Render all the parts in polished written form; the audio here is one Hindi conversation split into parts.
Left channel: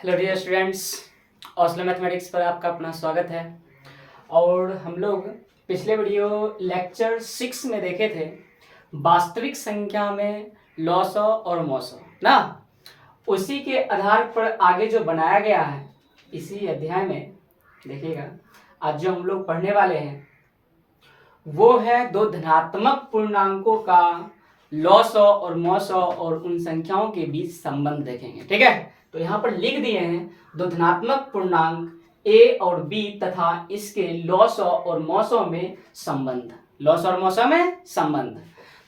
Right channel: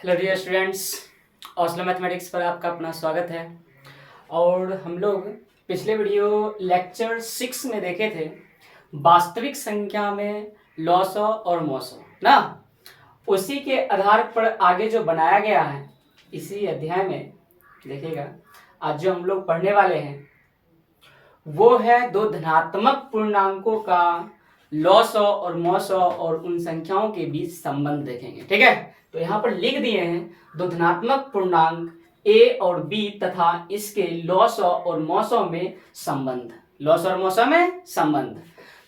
Hello dear students, Oslo mathematics पर आपका अपना स्वागत है। और हम लोग पिछले वीडियो लेक्चर 6 में देखे थे वास्तविक संख्या में लॉसॉ और मॉसॉ ना। उसी के आधार पर आगे जो बनाया गया है इसी अध्याय में देखिएगा। आज जो हम लोग पढ़ने वाले हैं वो है दो धनात्मक पूर्णांकों का लॉसॉ और मॉसॉ और उन संख्याओं के बीच संबंध देखेंगे। ठीक है, तो यहाँ पर लिख दिए हैं दो धनात्मक पूर्णांक a और b तथा इसके लॉसॉ और मॉसॉ में संबंध। लॉसॉ और मॉसॉ में संबंध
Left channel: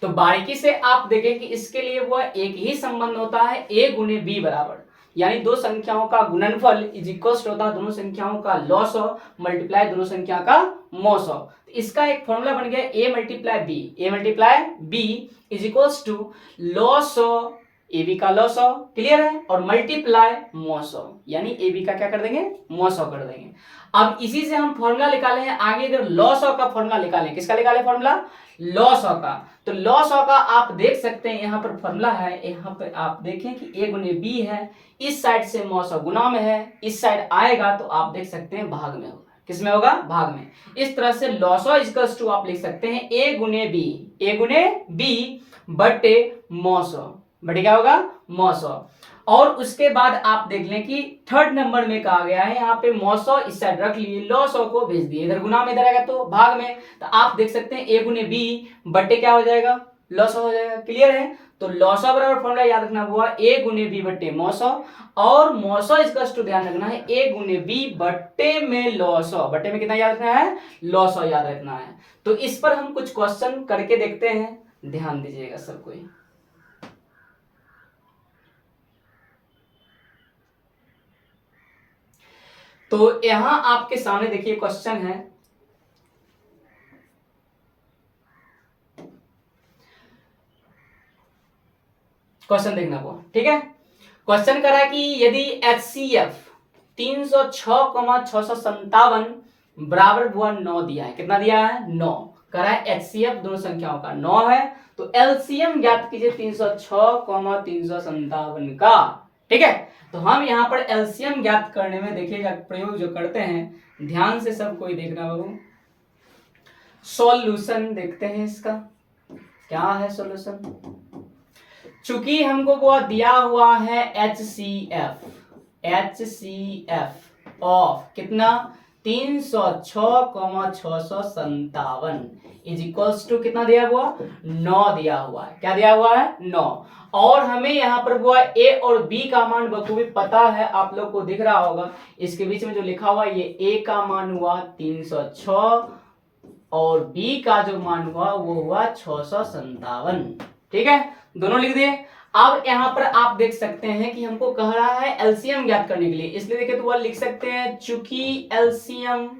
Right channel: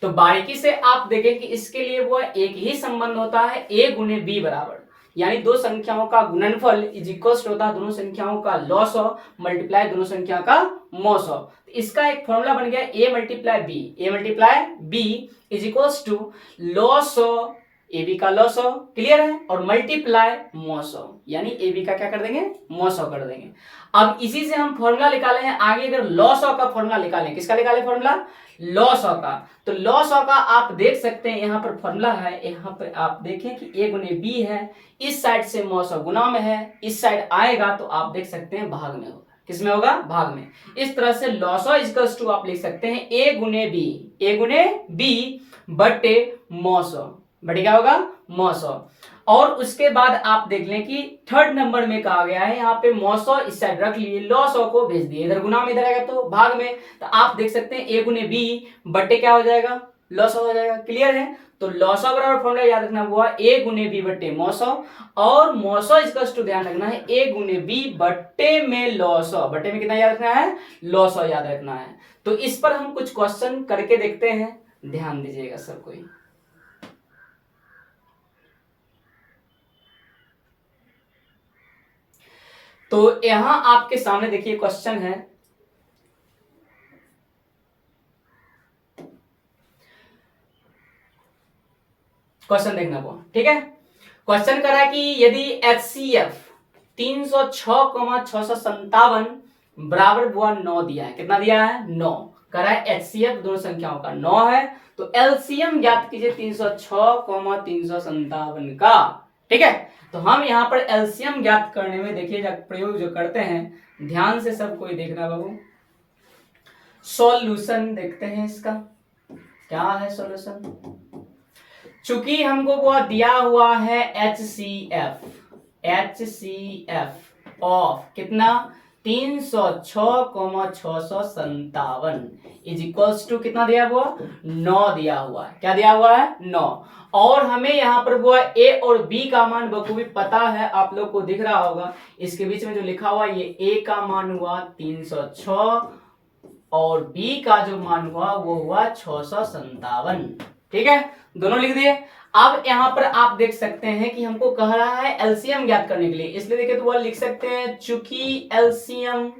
तो बारीकी से आप देखें कि इसके लिए वो एक ही संबंध होता है a गुने b बराबर, यानी दो संख्याओं का गुणनफल इज इक्वल होता है दोनों संख्याओं का लॉसॉ मल्टीप्लाई दोनों संख्या का मॉसॉ। इसका एक फॉर्मूला बन गया a multiply b is equals to लॉसॉ ए बी का लॉसॉ, क्लियर है, और मल्टीप्लाई मॉसॉ, यानी ए बी का क्या कर देंगे, मॉसॉ कर देंगे। अब इसी से हम फॉर्मूला निकाले हैं आगे। अगर लॉसॉ का फॉर्मूला निकालें, किसका निकाले फॉर्मूला, लॉसॉ का, तो लॉसॉ का आप देख सकते हैं यहाँ पर फॉर्मूला है। यहाँ पर आप देखें कि ए गुने बी है, इस साइड से मॉसॉ गुना में है, इस साइड आएगा तो आप देख सकते हैं भाग में होगा। किसमें होगा, भाग में। इस तरह से लॉसॉ इक्वल्स टू आप लिख सकते हैं ए गुने बी बटे मॉसॉ, बटे क्या होगा, मॉसॉ। और उसके बाद आप देख लें कि थर्ड नंबर में कहा गया है यहाँ पे मॉसॉ इस साइड रख लिए, लॉसॉ को भेज दिए, इधर गुना में इधर आएगा तो भाग में। तो आप देख सकते हैं ए गुने बी बटे क्या हो जाएगा, लॉसॉ हो जाएगा, क्लियर है। तो लॉसॉ बराबर फॉर्मूला याद रखना हुआ ए गुने बी बटे मॉसॉ, और मॉसॉ इक्वल्स टू ध्यान रखना है ए गुने बी बटे में लॉसॉ। बटे में कितना याद रखना है, लॉसॉ याद रखना है। तो इस पर हम कुछ क्वेश्चन करके देखते हैं, ध्यान दीजिएगा सब कोई। तो यहां आपके सामने देखिए क्वेश्चन है, क्वेश्चन देखना वो, ठीक है। क्वेश्चन करा कि यदि HCF 306,657 बराबर हुआ 9 दिया है, कितना दिया है, 9 करा है। HCF दोनों संख्याओं का 9 है, तो LCM ज्ञात कीजिए 306,357 का। ठीक है, तो हम यहाँ पर LCM ज्ञात करने में देखिएगा प्रयोग जो करते हैं, ध्यान से सब कोई देखना बाबू। सॉल्यूशन देखते हैं इसका, क्या है सॉल्यूशन। चूंकि हमको वो दिया हुआ है HCF ऑफ कितना 306,657 इज इक्वल्स टू कितना दिया हुआ, 9 दिया हुआ है। क्या दिया हुआ है, 9। और हमें यहाँ पर वो ए और बी का मान बखूबी पता है, आप लोग को दिख रहा होगा इसके बीच में जो लिखा हुआ है, ये ए का मान हुआ 306 और बी का जो मान हुआ वो हुआ 657। ठीक है, दोनों लिख दिए। अब यहां पर आप देख सकते हैं कि हमको कह रहा है एलसीएम ज्ञात करने के लिए, इसलिए देखिए तो वो लिख सकते हैं चूंकि एलसीएम,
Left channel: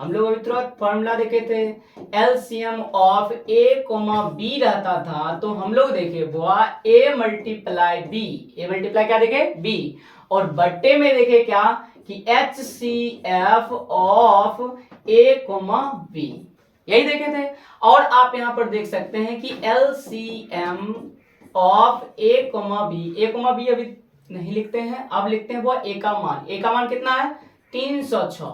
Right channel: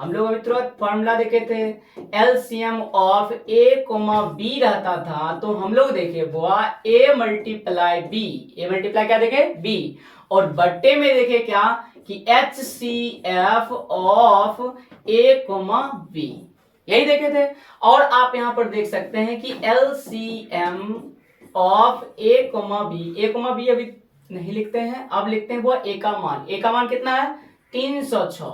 हम लोग अभी तुरंत फॉर्मूला देखे थे, LCM of A comma B रहता था, तो हम लोग देखे वो A multiply B, A multiply क्या देखे, बी, और बट्टे में देखे क्या कि HCF of A comma B, यही देखे थे। और आप यहां पर देख सकते हैं कि LCM of A comma B, A comma B अभी नहीं लिखते हैं, अब लिखते हैं वो ए का मान, ए का मान कितना है 306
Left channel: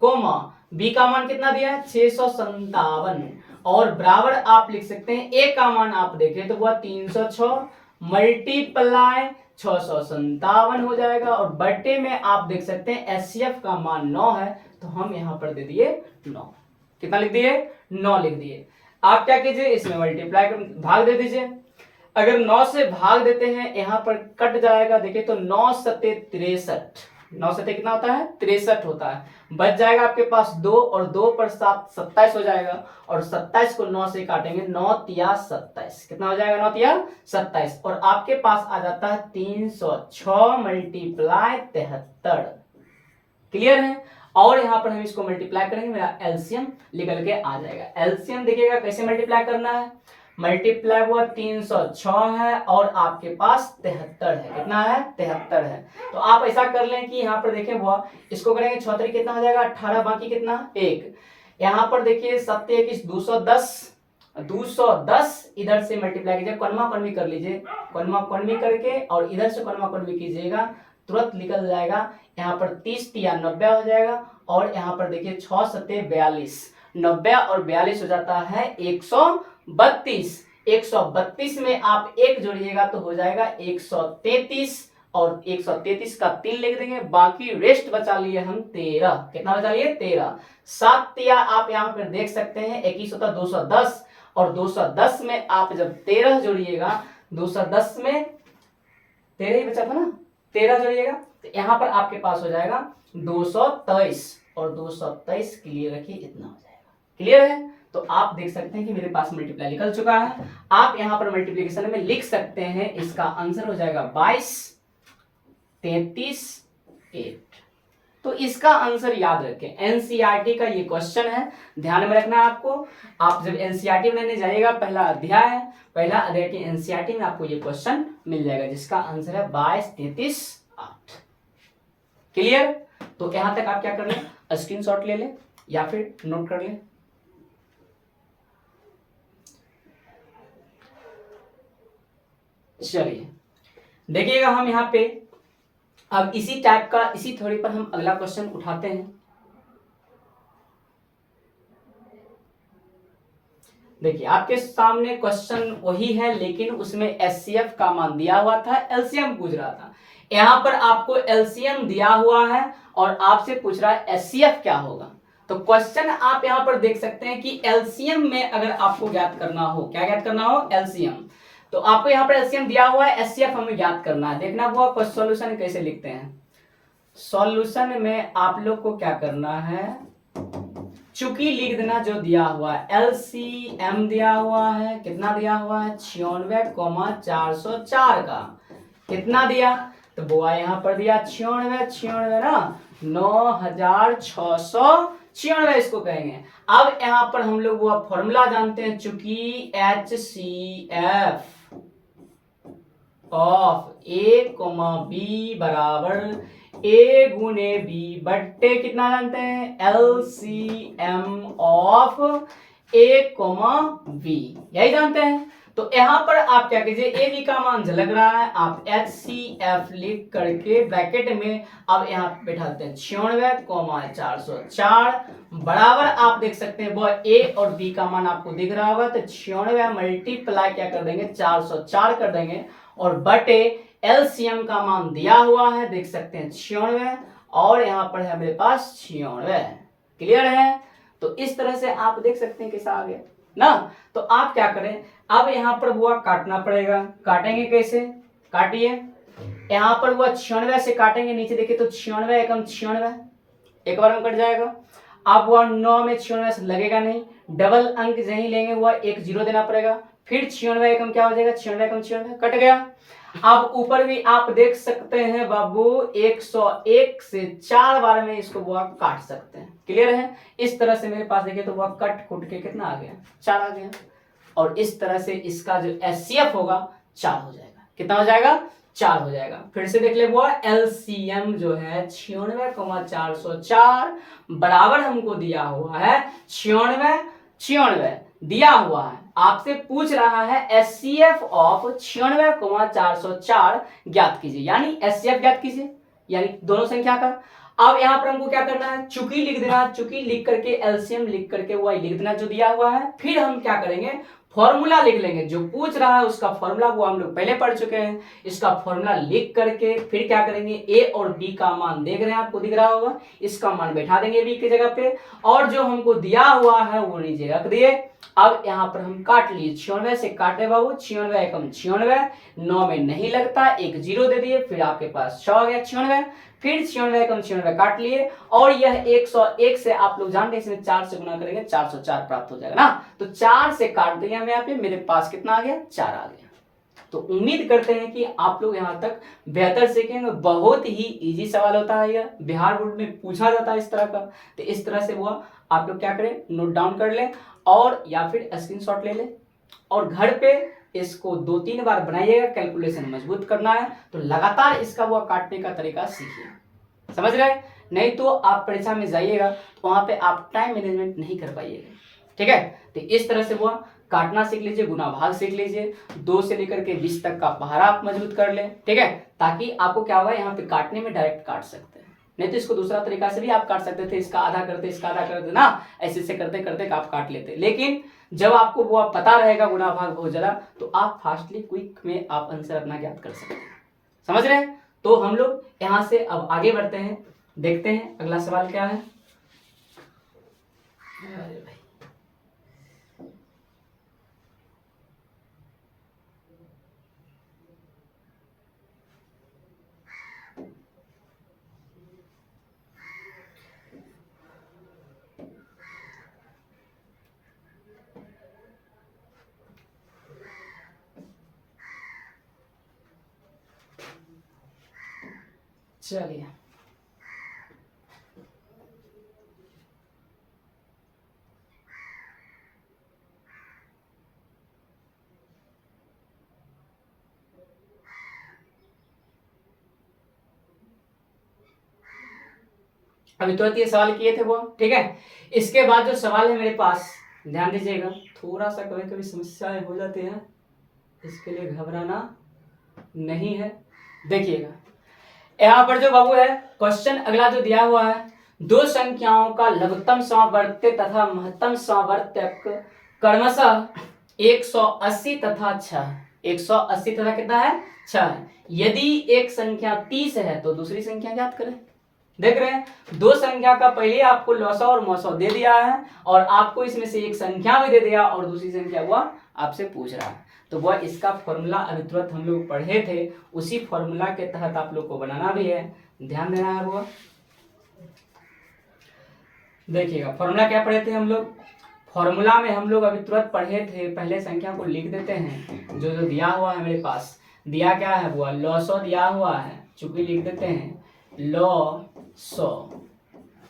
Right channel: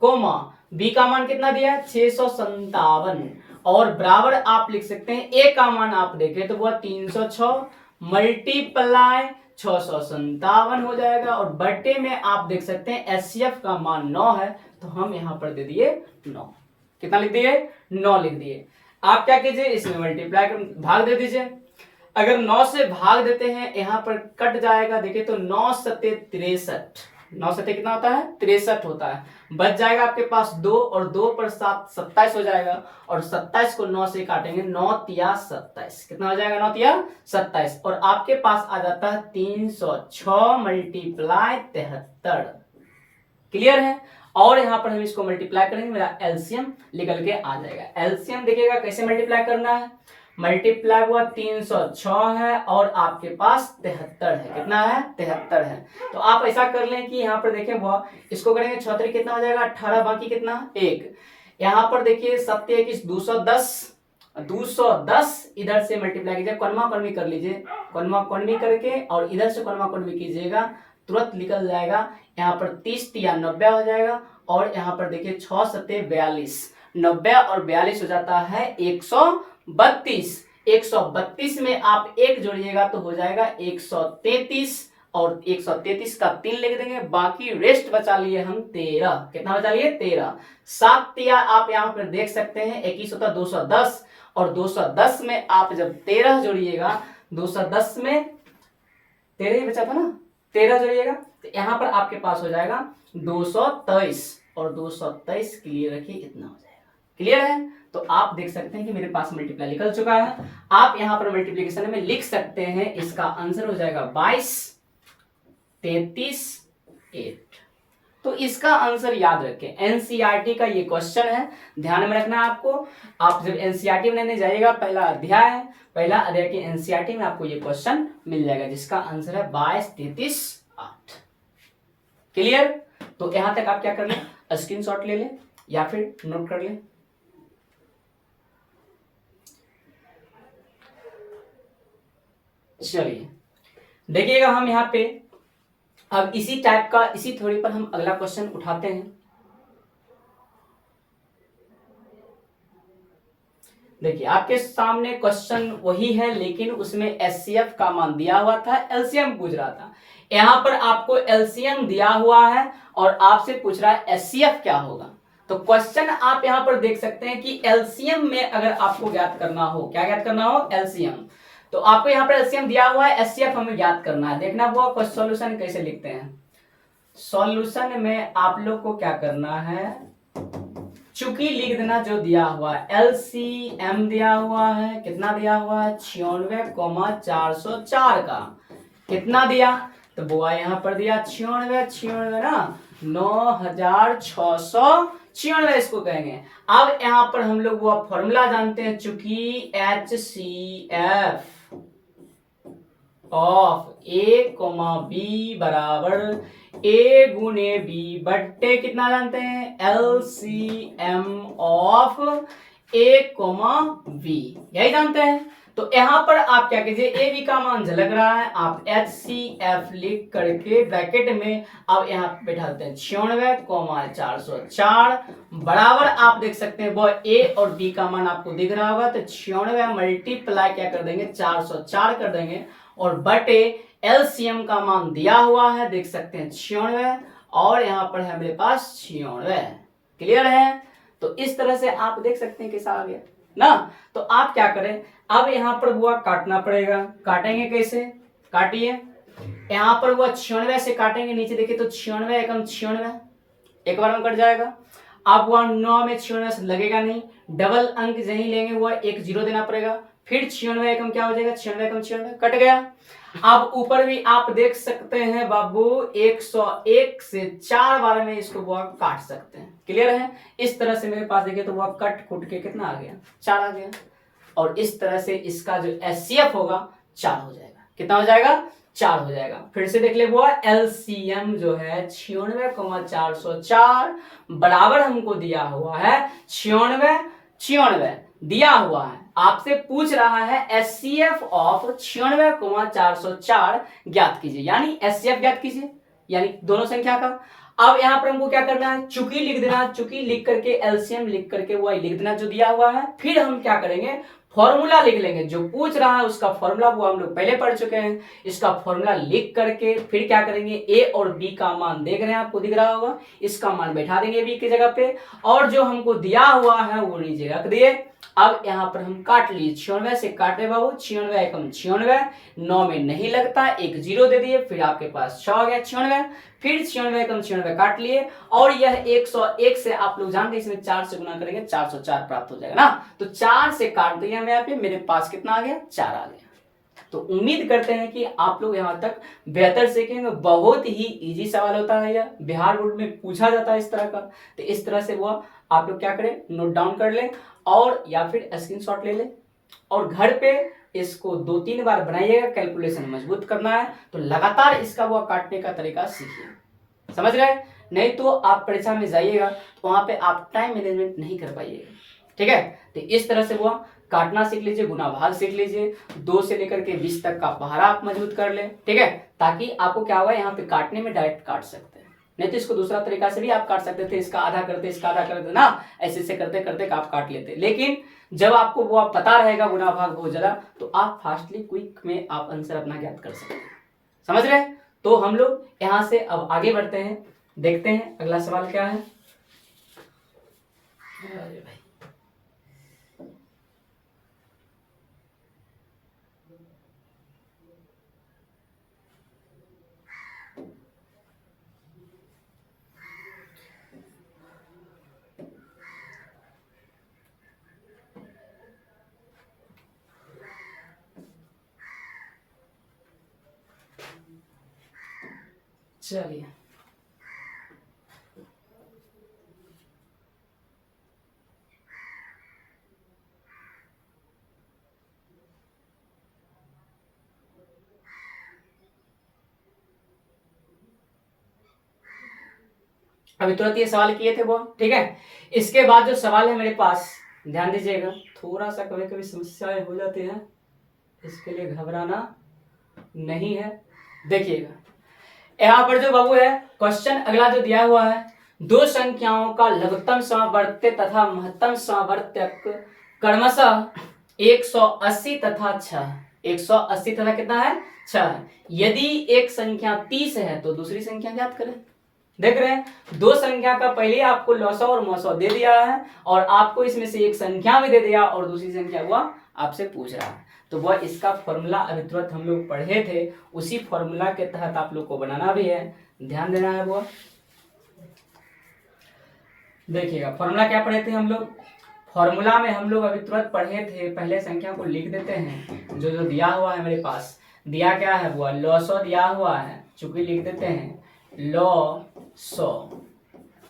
कोमा बी का मान कितना दिया है 657, और बराबर आप लिख सकते हैं ए का मान आप देखें तो वह 306 मल्टीप्लाई 657 हो जाएगा, और बट्टे में आप देख सकते हैं HCF का मान 9 है, तो हम यहां पर दे दिए 9। कितना लिख दिए, 9 लिख दिए। आप क्या कीजिए, इसमें मल्टीप्लाई कर भाग दे दीजिए। अगर 9 से भाग देते हैं यहां पर कट जाएगा, देखिए तो 9 सत्ते 63, 9 सत्ते कितना होता है 63 होता है, बच जाएगा आपके पास 2, और 2 पर 7 27 हो जाएगा, और 27 को 9 से काटेंगे, 9 तिया 27, कितना हो जाएगा 9 तिया 27, और आपके पास आ जाता है 306 मल्टीप्लाई 73, क्लियर है। और यहां पर हम इसको मल्टीप्लाई करेंगे, मेरा एलसीएम निकल के आ जाएगा। एलसीएम देखिएगा कैसे मल्टीप्लाई करना है, मल्टीप्लाई हुआ 306 है और आपके पास 73 है, कितना है 73 है। तो आप ऐसा कर लें कि यहाँ पर देखें वो इसको करेंगे 6 कितना हो जाएगा 18, बाकी कितना 1, यहाँ पर देखिए 7 21 210 इधर से मल्टीप्लाई कीजिए, कौनमा कौनवी कर लीजिए, कौनमा कौनवी करके और इधर से कौनमा कौनवी कीजिएगा तुरंत निकल जाएगा। यहाँ पर 30 या 90 हो जाएगा, और यहाँ पर देखिए 6 सत्ते 42, 90 और 42 हो जाता है 132। 132 में आप एक जोड़िएगा तो हो जाएगा 133, और 133 का 3 लिख देंगे, बाकी रेस्ट बचा लिए हम 13। कितना बचा लिए? 13। 7 तिया आप यहाँ पर देख सकते हैं 21 होता 210, और 210 में आप जब 13 जोड़िएगा, 210 में 13 ही बचा था ना, 13 जोड़िएगा तो यहाँ पर आपके पास हो जाएगा 223, और 223 क्लियर रखिए, इतना हो जाएगा। क्लियर है? तो आप देख सकते हैं कि मेरे पास मल्टीप्लाई निकल चुका है। आप यहाँ पर मल्टीप्लिकेशन में लिख सकते हैं, इसका आंसर हो जाएगा 22, 33, 8। तो इसका आंसर याद रखें, एनसीईआरटी का ये क्वेश्चन है, ध्यान में रखना है आपको। आप जब एनसीईआरटी बनाने जाइएगा, पहला अध्याय की एनसीईआरटी में आपको ये क्वेश्चन मिल जाएगा, जिसका आंसर है 22, 33, 8। क्लियर? तो यहां तक आप क्या कर लें, स्क्रीनशॉट ले लें या फिर नोट कर लें। चलिए देखिएगा, हम यहाँ पे अब इसी टाइप का, इसी थ्योरी पर हम अगला क्वेश्चन उठाते हैं। देखिए आपके सामने क्वेश्चन वही है, लेकिन उसमें एचसीएफ का मान दिया हुआ था, एलसीएम पूछ रहा था। यहां पर आपको एलसीएम दिया हुआ है और आपसे पूछ रहा है एचसीएफ क्या होगा। तो क्वेश्चन आप यहां पर देख सकते हैं कि एलसीएम में अगर आपको ज्ञात करना हो, क्या ज्ञात करना हो? एलसीएम। तो आपको यहाँ पर एलसीएम दिया हुआ है, एचसीएफ हमें ज्ञात करना है। देखना हुआ फर्स्ट सॉल्यूशन कैसे लिखते हैं। सॉल्यूशन में आप लोग को क्या करना है, चूंकि लिख देना जो दिया हुआ है, एलसीएम दिया हुआ है, कितना दिया हुआ है? 96,404 का कितना दिया? तो बुआ यहाँ पर दिया 96 ना, 9,696 इसको कहेंगे। अब यहाँ पर हम लोग वो फॉर्मूला जानते हैं, चूंकि HCF ऑफ A, B बराबर A गुने B बट्टे कितना जानते हैं? LCM ऑफ A, B, यही जानते हैं। तो यहां पर आप क्या कीजिए, ए बी का मान झलक रहा है, आप HCF लिख करके ब्रैकेट में अब यहाँ बैठाते हैं 96,404 बराबर, आप देख सकते हैं वो ए और बी का मान आपको दिख रहा होगा। तो 96 मल्टीप्लाई क्या कर देंगे, 404 कर देंगे, और बटे एलसीएम का मान दिया हुआ है, देख सकते हैं 96, और यहाँ पर है मेरे पास 96। क्लियर है? तो इस तरह से आप देख सकते हैं कैसा आ गया ना। तो आप क्या करें, अब यहाँ पर बुआ काटना पड़ेगा। काटेंगे कैसे? काटिए, यहाँ पर बुआ 96 से काटेंगे, नीचे देखिए तो 96 एकम 96, एक बार में कट जाएगा। अब वह 9 में 96 से लगेगा नहीं, डबल अंक यही लेंगे, वह एक जीरो देना पड़ेगा, फिर 96 एकम क्या हो जाएगा, 96 एकम 96 कट गया। अब ऊपर भी आप देख सकते हैं बाबू 101 से 4 बार में इसको बुआ काट सकते हैं। क्लियर है? इस तरह से मेरे पास देखिए तो वह कट कुट के कितना आ गया, 4 आ गया, और इस तरह से इसका जो एचसीएफ होगा 4 हो जाएगा। कितना हो जाएगा? 4 हो जाएगा। फिर से देख ले वो एलसीएम जो है 96,404 बराबर हमको दिया हुआ है 96 दिया हुआ है, आपसे पूछ रहा है एचसीएफ ऑफ 96,404 ज्ञात कीजिए, यानी एचसीएफ ज्ञात कीजिए, यानी दोनों संख्या का। अब यहाँ पर हमको क्या करना है, चूंकि लिख देना, चूंकि लिख करके एलसीएम लिख करके वो लिख देना जो दिया हुआ है। फिर हम क्या करेंगे, फॉर्मूला लिख लेंगे, जो पूछ रहा है उसका फॉर्मूला वो हम लोग पहले पढ़ चुके हैं। इसका फॉर्मूला लिख करके फिर क्या करेंगे, ए और बी का मान देख रहे हैं, आपको दिख रहा होगा, इसका मान बैठा देंगे बी की जगह पे, और जो हमको दिया हुआ है वो नीचे रख दिए। अब यहाँ पर हम काट लिए, 96 से काटे बाबू, 96 एकम 96, 9 में नहीं लगता, एक जीरो दे दिए, फिर आपके पास 6 आ गया 96, फिर 96 एकम 96 काट लिए, और यह 101 से आप लोग जानते हैं इसमें 4 से गुना करेंगे 404 प्राप्त हो जाएगा ना। तो 4 से काट दिया मैं यहाँ पे, मेरे पास कितना आ गया, 4 आ गया। तो उम्मीद करते हैं कि आप लोग यहाँ तक बेहतर सीखेंगे। बहुत ही इजी सवाल होता है यह, बिहार बोर्ड में पूछा जाता है इस तरह का। तो इस तरह से वो आप लोग क्या करें, नोट डाउन कर लें, और या फिर स्क्रीनशॉट ले लें, और घर पे इसको 2-3 बार बनाइएगा। कैलकुलेशन मजबूत करना है तो लगातार इसका वो काटने का तरीका सीखिए, समझ गए? नहीं तो आप परीक्षा में जाइएगा तो वहां पे आप टाइम मैनेजमेंट नहीं कर पाइएगा। ठीक है? तो इस तरह से वो काटना सीख लीजिए, गुना भाग सीख लीजिए, 2 से लेकर के 20 तक का पहाड़ा आप मजबूत कर ले, ठीक है, ताकि आपको क्या हुआ यहाँ पे काटने में डायरेक्ट काट सकते हैं। नहीं तो इसको दूसरा तरीका से भी आप काट सकते थे, इसका आधा करते इसका आधा करते ना, ऐसे से करते करते आप काट लेते। लेकिन जब आपको वो आप पता रहेगा गुना भाग बहुत ज्यादा, तो आप फास्टली क्विक में आप आंसर अपना ज्ञात कर सकते हैं। समझ रहे हैं? तो हम लोग यहाँ से अब आगे बढ़ते हैं, देखते हैं अगला सवाल क्या है। अरे भाई चलिए, अभी तुरंत ये सवाल किए थे वो, ठीक है। इसके बाद जो सवाल है मेरे पास, ध्यान दीजिएगा, थोड़ा सा कभी कभी समस्याएं हो जाती हैं, इसके लिए घबराना नहीं है। देखिएगा यहाँ पर जो बाबू है क्वेश्चन अगला जो दिया हुआ है, दो संख्याओं का लघुत्तम समावर्त्य तथा महत्तम समावर्तक क्रमशः 180 तथा 6, 180 तथा कितना है 6। यदि एक संख्या 30 है तो दूसरी संख्या ज्ञात करें। देख रहे हैं, दो संख्या का पहले आपको लॉसो और मौसो दे दिया है, और आपको इसमें से एक संख्या भी दे दिया, और दूसरी संख्या हुआ आपसे पूछ रहा है। तो वह इसका फॉर्मूला अभी तुरंत हम लोग पढ़े थे, उसी फॉर्मूला के तहत आप लोग को बनाना भी है, ध्यान देना है। वो देखिएगा फॉर्मूला क्या पढ़े थे हम लोग, फॉर्मूला में हम लोग अभी तुरंत पढ़े थे, पहले संख्या को लिख देते हैं, जो जो दिया हुआ है मेरे पास, दिया क्या है वो लॉसो दिया हुआ है, चूंकि लिख देते हैं लॉसो।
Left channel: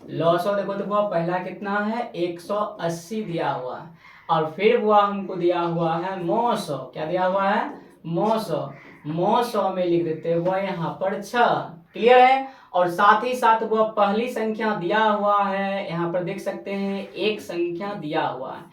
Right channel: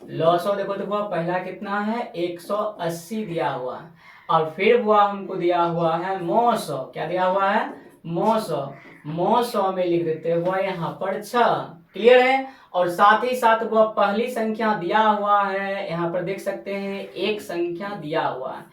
लॉसो देखो देखो पहला कितना है 180 दिया हुआ है, और फिर वो हमको दिया हुआ है मौसो, क्या दिया हुआ है मौसो, मौसो में लिख देते हैं वो यहाँ पर 6। क्लियर है? और साथ ही साथ वो पहली संख्या दिया हुआ है, यहाँ पर देख सकते हैं एक संख्या दिया हुआ है,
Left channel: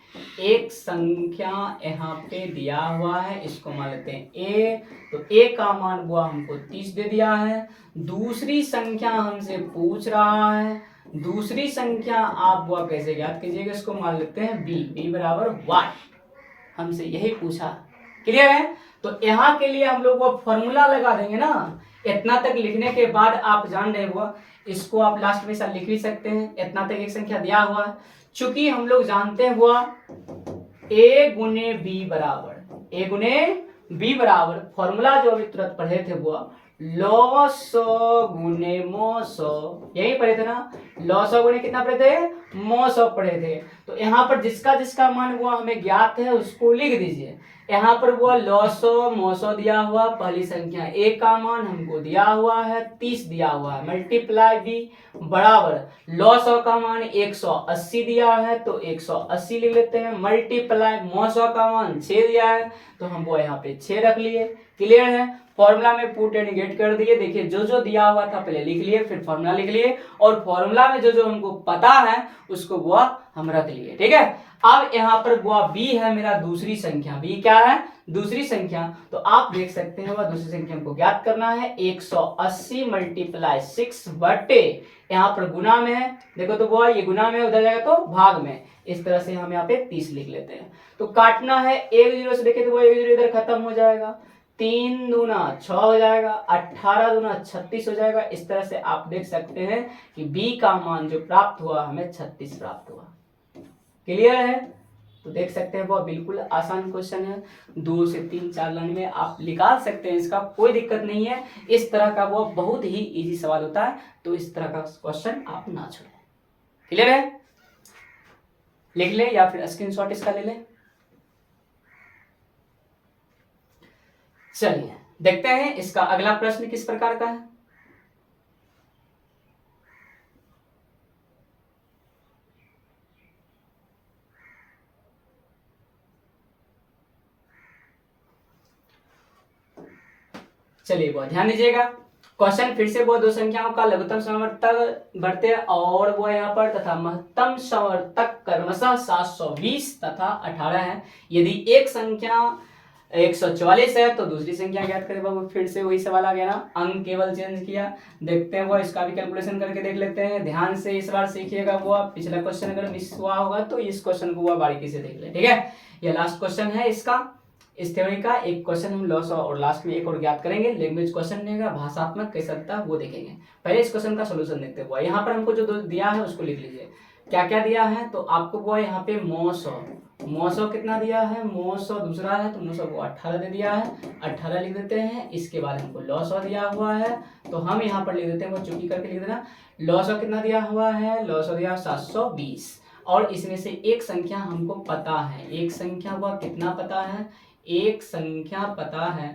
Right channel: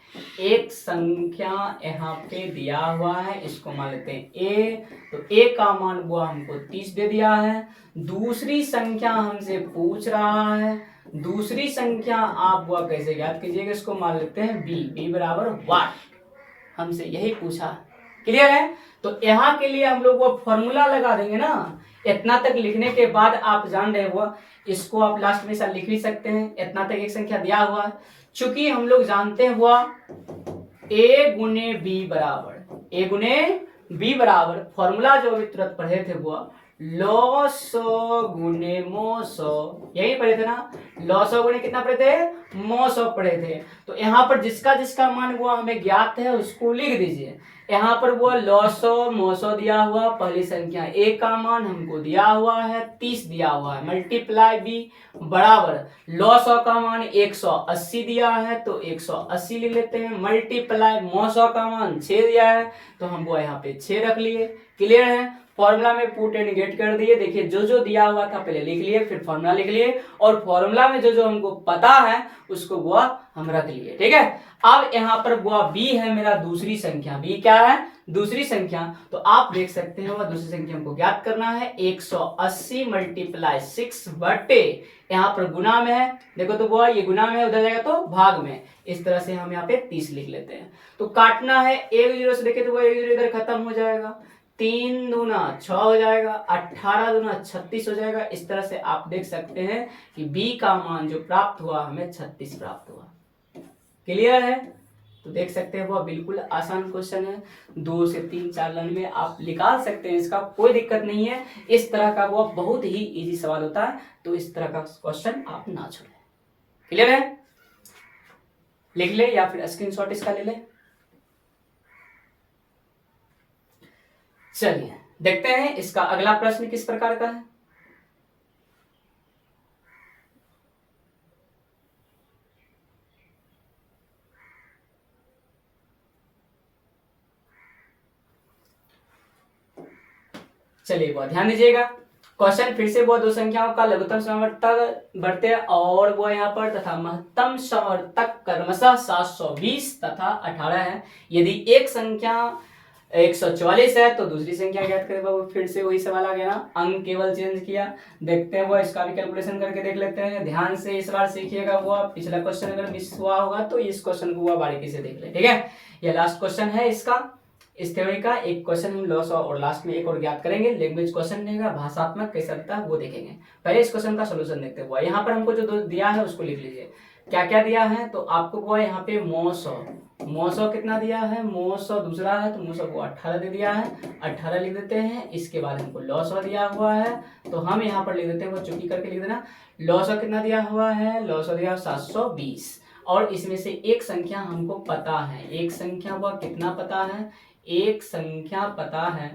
एक संख्या यहाँ पे दिया हुआ है, इसको मान लेते हैं ए। तो ए का मान वो हमको 30 दे दिया है। दूसरी संख्या हमसे पूछ रहा है, दूसरी संख्या आप वो कैसे ज्ञात कीजिएगा, इसको मान लेते हैं बी, बी बराबर वाट, हमसे यही पूछा। क्लियर है? तो यहाँ के लिए हम लोग वो फॉर्मूला लगा देंगे ना। इतना तक लिखने के बाद आप जान रहे हो, इसको आप लास्ट में साथ लिख भी सकते हैं, इतना तक एक संख्या दिया हुआ है, चूंकि हम लोग जानते हैं हुआ ए गुने बी बराबर, ए गुने बी बराबर, फॉर्मूला जो अभी तुरंत पढ़े थे वो लॉसो गुने मोसो, यही पढ़े थे ना, लॉसो गुने कितना पढ़े थे मोसो पढ़े थे। तो यहाँ पर जिसका जिसका मान वो हमें ज्ञात है उसको लिख दीजिए। यहाँ पर वो लॉसो मोसो दिया हुआ, पहली संख्या ए का मान हमको दिया हुआ है 30 दिया हुआ है, मल्टीप्लाई बी बराबर लॉसो का मान 180 दिया है, तो 180 लिख लेते हैं, मल्टीप्लाई मोसो का मान 6 दिया है, तो हम वो यहाँ पे 6 रख लिए। क्लियर है? फॉर्मूला में पुट एंड गेट कर दिए। देखिए जो जो दिया हुआ था पहले लिख लिए, फिर फॉर्मूला लिख लिए, और फॉर्मूला में जो जो हमको पता है उसको वो हम रख लिए। ठीक है? अब यहाँ पर वो बी है मेरा दूसरी संख्या, बी क्या है दूसरी संख्या, तो आप देख सकते हैं वह दूसरी संख्या हमको ज्ञात करना है 180 मल्टीप्लाई 6 बटे, यहाँ पर गुना में है, देखो तो वो ये गुना में, उधर जाएगा तो भाग में, इस तरह से हम यहाँ पे 30 लिख लेते हैं। तो काटना है, एक जीरो से देखे तो वो एक जीरो इधर खत्म हो जाएगा, 3 दूना 6 हो जाएगा, 18 दूना 36 हो जाएगा। इस तरह से आप देख सकते हैं कि बी का मान जो प्राप्त हुआ हमें 36 प्राप्त हुआ। क्लियर है? तो देख सकते हैं वो बिल्कुल आसान क्वेश्चन है, 2 से 3 4 लाइन में आप निकाल सकते हैं, इसका कोई दिक्कत नहीं है। इस तरह का वो बहुत ही इजी सवाल होता है, तो इस तरह का क्वेश्चन आप ना छोड़ें। क्लियर है? लिख ले या फिर स्क्रीनशॉट इसका ले ले। चलिए देखते हैं इसका अगला प्रश्न किस प्रकार का है। चलिए बहुत ध्यान दीजिएगा, क्वेश्चन फिर से वो दो संख्याओं का लघुत्तम समवर्तक बढ़ते और वो यहाँ पर तथा महत्तम समवर्तक क्रमशः 720 तथा 18 है। यदि एक संख्या 144 है तो दूसरी संख्या ज्ञात करें। बाबू फिर से वही सवाल आ गया ना, अंक केवल चेंज किया। देखते हैं वो, इसका भी कैलकुलेशन करके देख लेते हैं। ध्यान से इस बार सीखिएगा। वो पिछला क्वेश्चन अगर मिस हुआ होगा तो इस क्वेश्चन को वो बारीकी से देख ले, ठीक है। ये लास्ट क्वेश्चन है इसका, इस थ्योरी का। एक क्वेश्चन हम लॉस और लास्ट में एक और ज्ञात करेंगे। लैंग्वेज क्वेश्चन रहेगा, भाषात्मक कैसा रहता है वो देखेंगे। पहले इस क्वेश्चन का सोल्यूशन देखते हैं। यहाँ पर हमको जो दिया है उसको लिख लीजिए। क्या क्या दिया है तो आपको वो यहाँ पे मौसो कितना दिया है, मौसो दूसरा है तो मौसो को 18 दे दिया है, 18 लिख देते हैं। इसके बाद हमको लॉसो दिया हुआ है तो हम यहाँ पर लिख देते हैं, वो चुकी करके लिख देना। लॉसो कितना दिया हुआ है, लॉसो दिया 720 और इसमें से एक संख्या हमको पता है। एक संख्या वो कितना पता है, एक संख्या पता है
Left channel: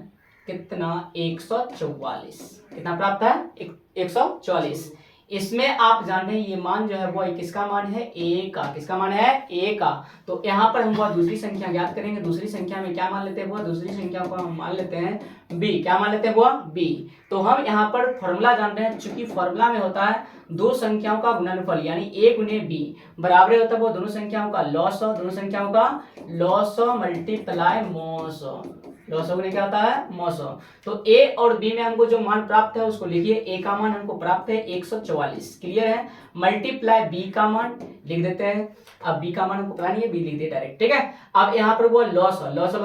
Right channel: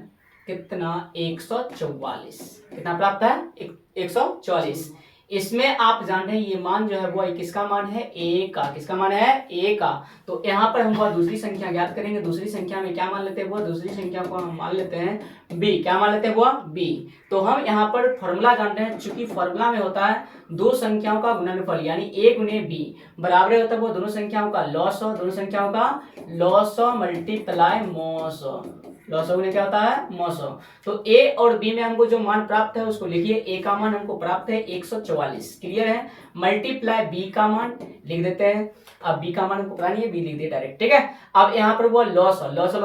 कितना, 144। कितना प्राप्त है, 144। इसमें आप जान रहे हैं ये मान जो है वो किसका मान है, ए का। किसका मान है, ए का। तो यहाँ पर हम वो दूसरी संख्या ज्ञात करेंगे। दूसरी संख्या में क्या मान लेते हैं, वो दूसरी संख्या को हम मान लेते हैं बी। क्या मान लेते हैं वो, बी। तो हम यहाँ पर फॉर्मूला जानते हैं, चूंकि फॉर्मूला में होता है दो संख्याओं का गुणनफल यानी ए गुने बी बराबर होता है वो दोनों संख्याओं का लॉस, दोनों संख्याओं का लॉस मल्टीप्लाई मोस। लॉस गुने क्या होता है, मोस। तो ए और बी में हमको जो मान प्राप्त है उसको लिखिए। ए का मान हमको प्राप्त है 144, क्लियर है। मल्टीप्लाई बी का मान लिख देते हैं। अब बी का मान हमको पता नहीं है, बी लिख दिए डायरेक्ट, ठीक है। अब यहाँ पर वो लॉस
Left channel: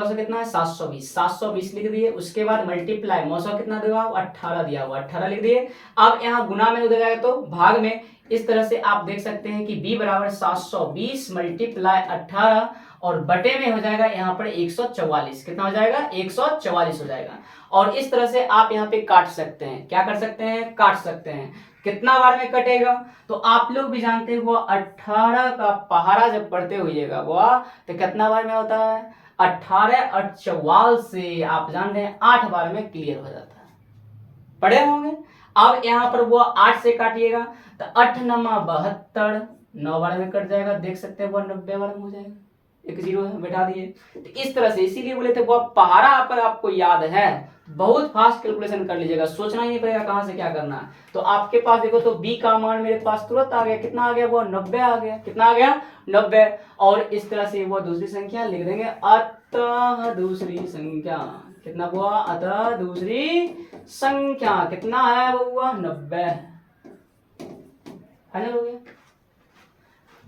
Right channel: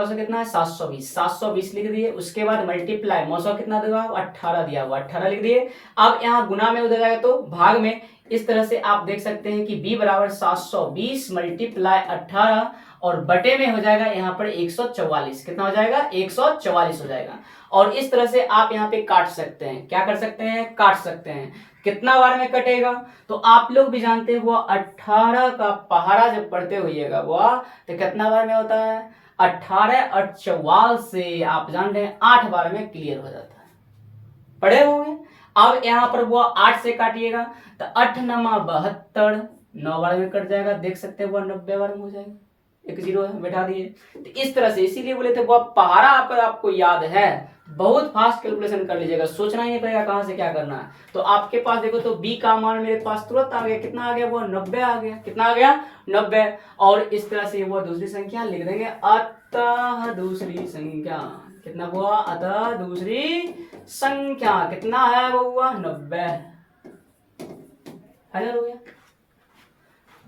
कितना है, 720 लिख दिए। उसके बाद मल्टीप्लाई मौसो कितना देगा, 18 दिया हुआ, 18 लिख दिए। अब यहाँ गुना में उधर जाएगा तो भाग में। इस तरह से आप देख सकते हैं कि b बराबर 720 मल्टीप्लाई 18 और बटे में हो जाएगा यहाँ पर 144। कितना हो जाएगा, 144 हो जाएगा। और इस तरह से आप यहाँ पे काट सकते हैं। क्या कर सकते हैं, काट सकते हैं। कितना बार में कटेगा तो आप लोग भी जानते हैं, वो 18 का पहाड़ा जब पढ़ते होइएगा वो तो कितना बार में होता है, 18 और 44 से आप जान रहे हैं 8 बार में क्लियर हो जाता है, पढ़े होंगे। अब यहाँ पर वो 8 से काटिएगा तो 8 नमा 72, 9 बार में कट जाएगा। देख सकते हैं वो 90 बार में हो जाएगा। एक जीरो है, बैठा दिए। तो इस तरह से, इसीलिए बोले थे वो पहाड़ा पर आपको याद है, बहुत फास्ट कैलकुलेशन कर लीजिएगा, सोचना ही नहीं पड़ेगा कहां से क्या करना है। तो आपके पास देखो तो बी का मान मेरे पास तुरंत आ गया। कितना आ गया, वो 90 आ गया। कितना आ गया, 90। और इस तरह से वो दूसरी संख्या लिख देंगे। अतः दूसरी संख्या कितना हुआ, अतः दूसरी संख्या कितना है वो हुआ 90। फाइनल हो गया।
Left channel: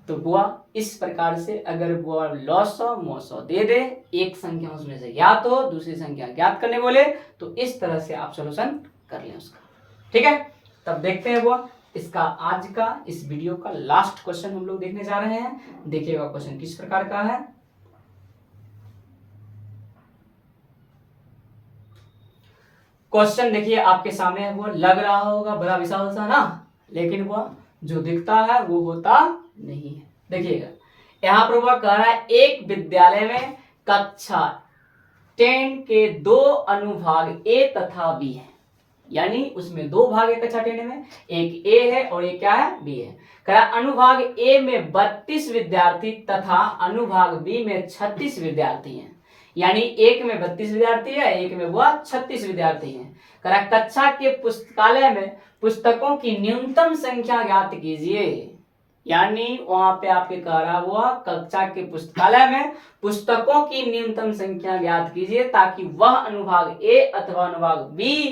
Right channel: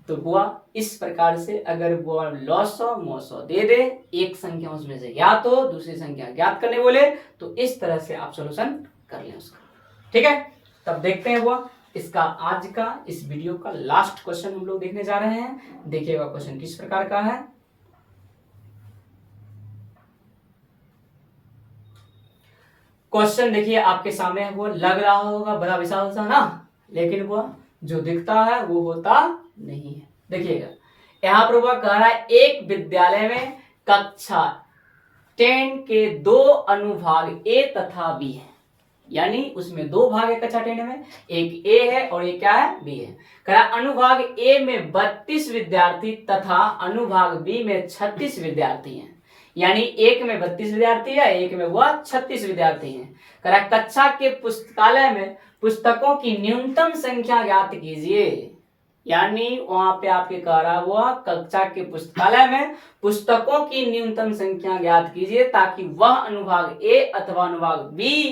तो बुआ इस प्रकार से अगर बुआ लॉसो मोसो दे दे, एक संख्या उसमें से या तो दूसरी संख्या ज्ञात करने बोले तो इस तरह से आप सॉल्यूशन कर लें उसका, ठीक है। तब देखते हैं बुआ इसका आज का इस वीडियो का लास्ट क्वेश्चन हम लोग देखने जा रहे हैं। देखिएगा क्वेश्चन किस प्रकार का है। क्वेश्चन देखिए आपके सामने वो लग रहा होगा बड़ा विशाल सा ना, लेकिन वो जो दिखता है वो होता नहीं है। देखिएगा यहाँ पर वह कह रहा है एक विद्यालय में कक्षा 10 के दो अनुभाग ए तथा बी है, यानी उसमें दो भाग है कक्षा 10 में, एक ए है और एक क्या है, बी है। कह रहा अनुभाग ए में 32 विद्यार्थी तथा अनुभाग बी में 36 विद्यार्थी हैं, यानी एक में 32 विद्यार्थी है, एक में वह 36 विद्यार्थी हैं। कह रहा कक्षा के पुस्तकालय में पुस्तकों की न्यूनतम संख्या ज्ञात कीजिए, यानी वहां पे आपके कह रहा हुआ कक्षा के पुस्तकालय में पुस्तकों की न्यूनतम संख्या ज्ञात कीजिए ताकि वह अनुभाग ए अथवा अनुभाग बी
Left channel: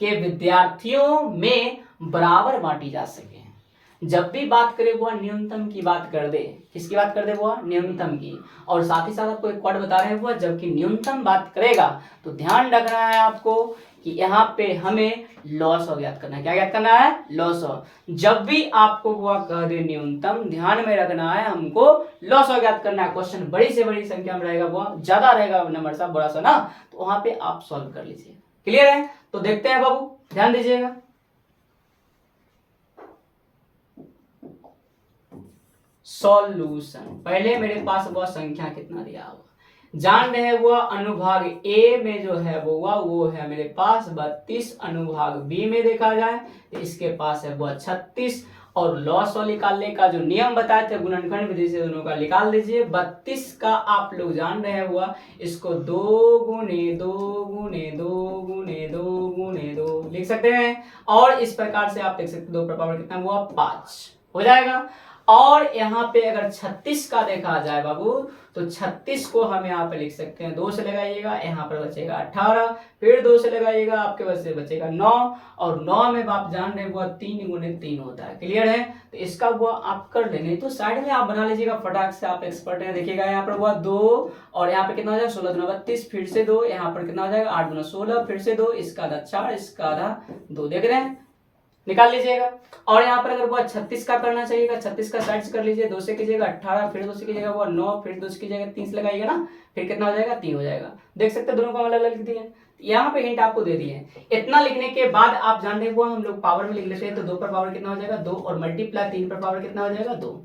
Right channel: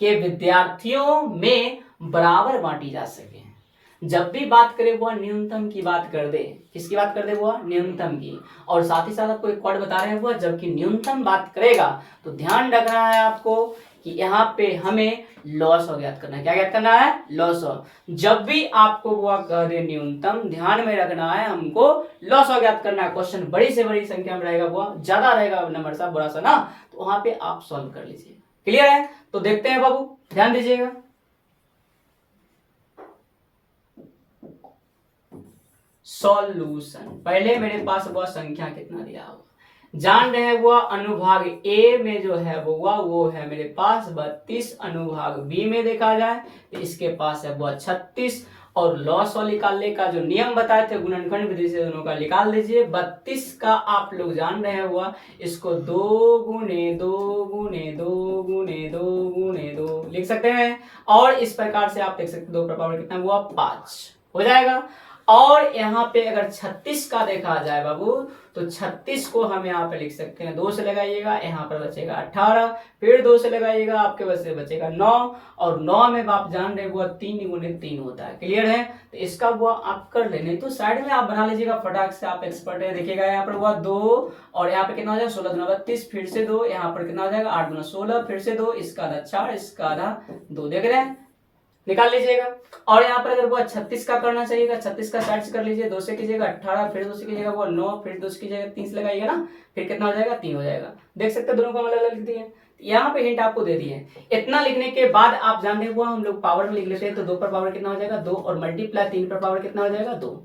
के विद्यार्थियों में बराबर बांटी जा सके। जब भी बात करे वो न्यूनतम की बात कर दे, किसकी बात कर दे, वो न्यूनतम की। और साथ ही साथ आपको एक वर्ड बता रहे हैं वो जबकि न्यूनतम बात करेगा तो ध्यान रखना है आपको कि यहाँ पे हमें लॉस ज्ञात करना है। क्या ज्ञात करना है, लॉस। जब भी आपको वो कह दे न्यूनतम, ध्यान में रखना है हमको लॉस ज्ञात करना है। क्वेश्चन बड़ी से बड़ी संख्या में रहेगा, वो ज्यादा रहेगा नंबर सा बड़ा सा ना, तो वहां पे आप सॉल्व कर लीजिए। क्लियर है। तो देखते हैं बाबू, ध्यान दीजिएगा। सॉल्यूशन, पहले मेरे पास वह संख्या कितना दिया हुआ जान रहे हैं, वो अनुभाग ए में जो है वो है मेरे पास 32, अनुभाग बी में देखा जाए तो इसके पास है वो 36 और लॉस और निकालने का जो नियम बताए थे गुणनखंड विधि से दोनों का निकाल दीजिए। 32 का आप लोग जान रहे हुआ, इसको 2 गुणे 2 गुणे 2 गुणे 2 गुणे 2 लिख सकते हैं। और इस प्रकार से आप देख सकते हैं 2 पर पावर कितना हुआ 5 हो जाएगा। और यहाँ पे अगर 36 का देखा जाए बाबू, तो 36 को हम यहाँ पे लिख सकते हैं 2 से लगाइएगा, यहाँ पर बचेगा 18, फिर 2 से लगाइएगा, आपके पास से बचेगा 9, और 9 में आप जान रहे वो 3 गुणे 3 होता है। क्लियर है? तो इसका वो आप कर लेंगे, तो साइड में आप बना लीजिएगा फटाक से, आप एक्सपर्ट है। देखिएगा यहाँ पर हुआ 2, और यहाँ पे कितना हो जाएगा 16 दूना 32, फिर से 2, यहाँ पर कितना हो जाएगा 8 दूना 16, फिर से 2, इसका आधा 4, इसका आधा 2, देख रहे हैं, निकाल लीजिएगा। और यहाँ पर अगर वो 36 का करना चाहिएगा, 36 का साइड से कर लीजिए, 2 से कीजिएगा 18, फिर 2 से कीजिएगा वो 9, फिर 2 से कीजिएगा 30 लगाइएगा ना, फिर कितना हो जाएगा 3 हो जाएगा। देख सकते हैं दोनों को अलग अलग लिख दिए। यहाँ पे हिंट आपको दे दिए। इतना लिखने के बाद आप जान रहे हो हम लोग पावर में लिख लेते हैं, तो 2 पर पावर कितना हो जाएगा 2, और मल्टीप्लाई 3 पर पावर कितना हो जाएगा 2,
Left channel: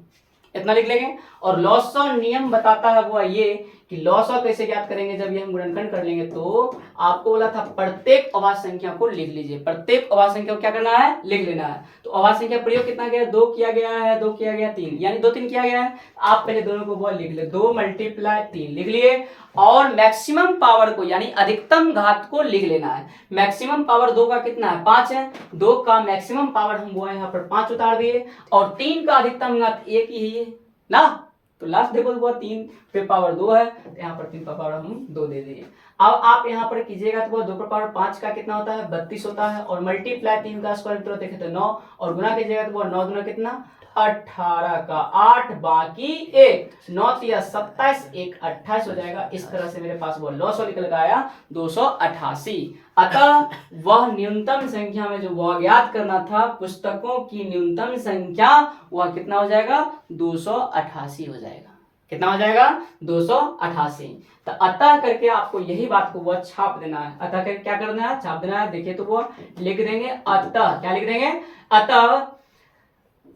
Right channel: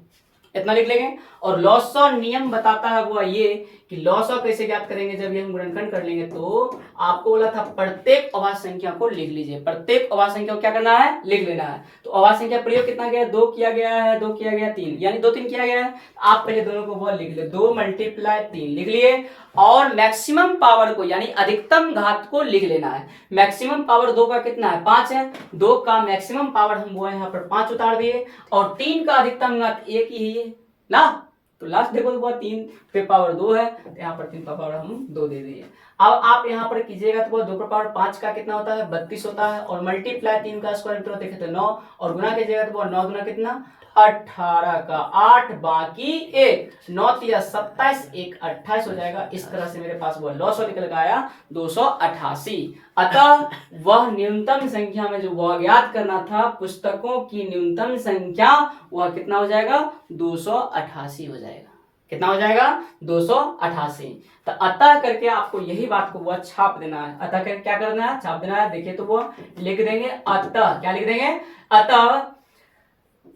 इतना लिख लेंगे। और लॉस ऑफ नियम बताता है वो ये कि लॉस ऑफ कैसे ज्ञात करेंगे, जब ये हम गुणनखंड कर लेंगे, तो आपको बोला था प्रत्येक अभाज्य संख्या को लिख लीजिए। प्रत्येक अभाज्य संख्या को क्या करना है, लिख लेना है। तो अभाज्य संख्या प्रयोग कितना गया 2 किया गया है, 2 किया गया 3, यानी 2 3 किया गया है। आप पहले दोनों को वो लिख ले, 2 मल्टीप्लाई 3 लिख लिए, और मैक्सिमम पावर को यानी अधिकतम घात को लिख लेना है। मैक्सिमम पावर 2 का कितना है 5 है, 2 का मैक्सिमम पावर हम वो यहाँ पर 5 उतार दिए, और 3 का अधिकतम घात 1 ही है ना, तो लास्ट देखो तो 3 पे पावर 2 है, तो यहाँ पर 3 पर पावर हम 2 दे दिए। अब आप यहाँ पर कीजिएगा तो 2 पर पावर 5 का कितना होता है 32 होता है, और मल्टीप्लाई 3 का स्क्वायर रूट देखे तो 9, और गुना कीजिएगा तो 9 गुना कितना 18 का 8 बाकी 1, 9 या 27, 1 28 हो जाएगा। इस तरह से मेरे पास वो लॉस निकल के आया 288। अतः वह न्यूनतम संख्या में जो वह ज्ञात करना था, पुस्तकों की न्यूनतम संख्या, वह कितना हो जाएगा 288 हो जाएगा। कितना हो जाएगा 288। तो अतः करके आपको यही बात को वह छाप देना है। अतः करके क्या करना है, छाप देना है। देखिए तो वो लिख देंगे अतः, क्या लिख देंगे, अतः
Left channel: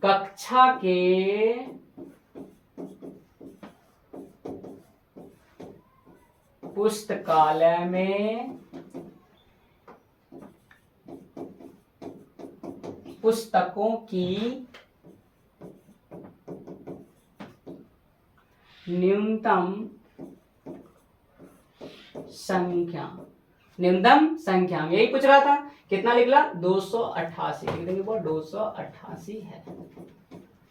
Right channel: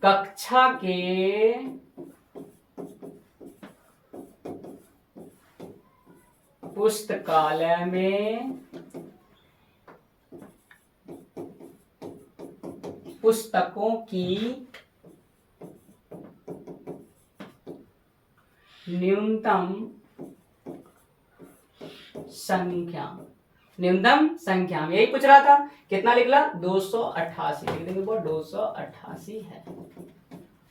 कक्षा के पुस्तकालय में पुस्तकों की न्यूनतम संख्या, न्यूनतम संख्या यही पूछ रहा था, कितना निकला 288, लिख देंगे वो 288 है।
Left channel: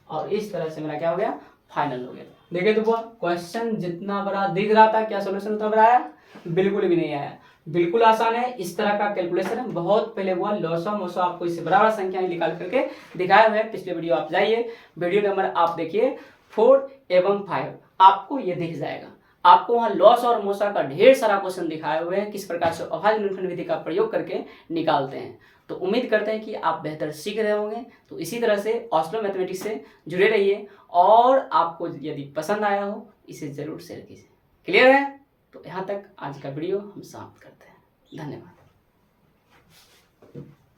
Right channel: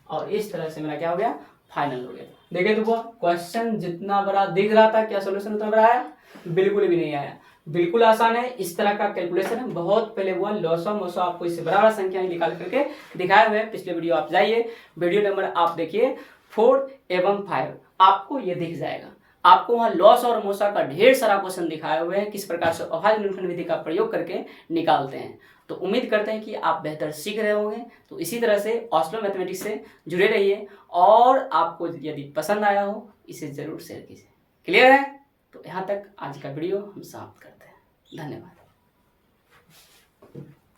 और इस तरह से मेरा क्या हो गया, फाइनल हो गया। देखिए तो वो क्वेश्चन जितना बड़ा दिख रहा था, क्या सॉल्यूशन उतना बड़ा आया, बिल्कुल भी नहीं आया। बिल्कुल आसान है। इस तरह का कैलकुलेशन है, बहुत पहले हुआ लॉसो मोसो आपको इससे बराबर संख्या निकाल करके दिखाए हुए हैं। पिछले वीडियो आप जाइए, वीडियो नंबर आप देखिए 4 एवं 5, आपको ये दिख जाएगा। आपको वहाँ लॉस और मोसा का ढेर सारा क्वेश्चन दिखाए हुए हैं, किस प्रकार से अभाज्य गुणनखंड विधि का प्रयोग करके निकालते हैं। तो उम्मीद करते हैं कि आप बेहतर सीख रहे होंगे। तो इसी तरह से ऑस्लो मैथमेटिक्स से जुड़े रहिए, और आपको यदि पसंद आया हो इसे जरूर शेयर कीजिए। क्लियर है? तो यहाँ तक आज का वीडियो हम समाप्त करते हैं। धन्यवाद।